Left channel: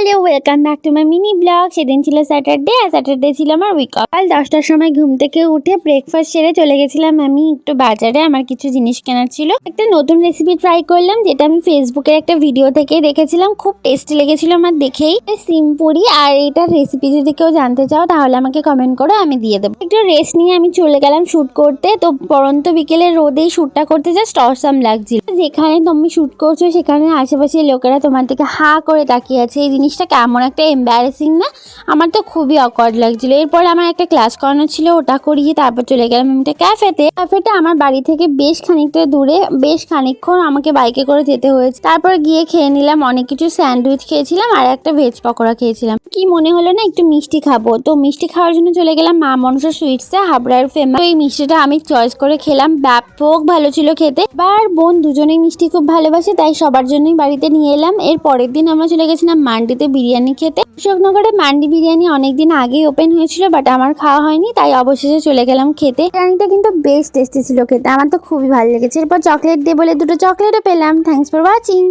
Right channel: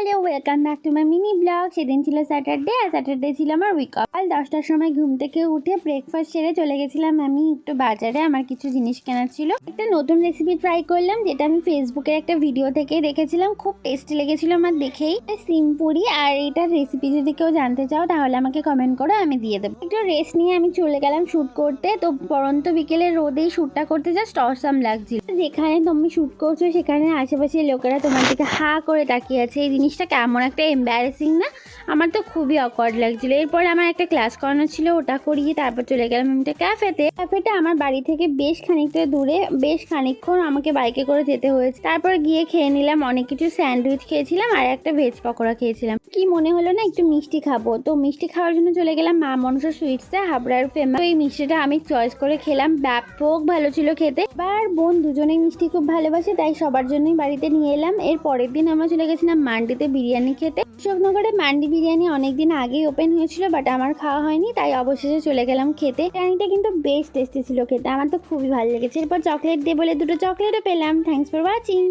Hello, welcome back to my mini blog. সেদিন ছিল Saturday, আর Saturday ছিল আমার উইক অফ। কাল 10টার সময় ঘুম থেকে উঠে ব্রেকফাস্ট সেরে চলে গেছিলাম আমি একটু বাজারে। আমার কিছু জিনিস কেনার ছিল। একটা নতুন রেসিপি ট্রাই করলাম, যেটা আমি ফেসবুকের একটা ভিডিও থেকে দেখেছিলাম। খুব টেস্টি লেগেছিল আমার দেখেই। সিম পুরি, আর এটার রেসিপি যদি কেউ জানতে চাও তাহলে আমাকে কমেন্ট করো, আমি দিয়ে দেবো। একটু রেস্ট নিয়ে আমি চলে গেলাম শ্যুট করতে। তো পরন্ত বিকেলে রোদেই শ্যুটটা করতে জাস্ট অসাম লাগছিল। যেখানে তুমি শ্যুট করছো সেখানে আশেপাশের লোকেরা তোমার দিকে হা করে তাকিয়ে আছে। এই জিনিসটা কেমন একটা এম্বারেসিং না? আমার তো খুবই অকওয়ার্ড লাগছিল। এরপর আমার একটা ক্লাস করানো ছিল, ওটা করিয়ে তারপর চলে গেলাম একটা ক্যাফেটা আমার বাড়ি থেকে বেশ খানিকটা দূরে। বেশ খানিকক্ষণ আমাকে বাইকে করে যেতে হয়েছে। তারপর গিয়ে খেয়ে নিলাম অনেক কিছু। স্যান্ডউইচ খেয়েছিলাম আর একটা ভেজ পকোড়া খেয়েছিলাম। কি মনে হলো না একটু মিষ্টি খাবো, তো মিষ্টি খাওয়ার জন্য চলে গেলাম মা মনসা সুইটসে, হাবড়ার ফেমাস। তো এই মিষ্টিটা আমি চয়েস করে খেলাম, ব্যাপক ভালো ছিল খেতে। আর বোন দুজনেই মিষ্টি খুব ভালোবাসে, তাই সবার জন্যই বাড়িতে নিয়ে এলাম। এর পরের দিন আমরা চলে গেছিলাম মান্ডিতে বিরিয়ানি খেতে। অশোকনগরে মান্ডি বিরিয়ানি অনেকদিন আগেই ওপেন হয়েছিল, বাট আমার খাওয়া হয়নি, তাই অবশেষে চলে গেলাম খেতে। বিরিয়ানিটা কিন্তু বেশ টেস্টি ছিল খেতে, আমার তো খুবই ভালো লেগেছে। এরপর চকলেট দিয়ে বলে দুটো চকলেটও পেলাম। Thanks for watching.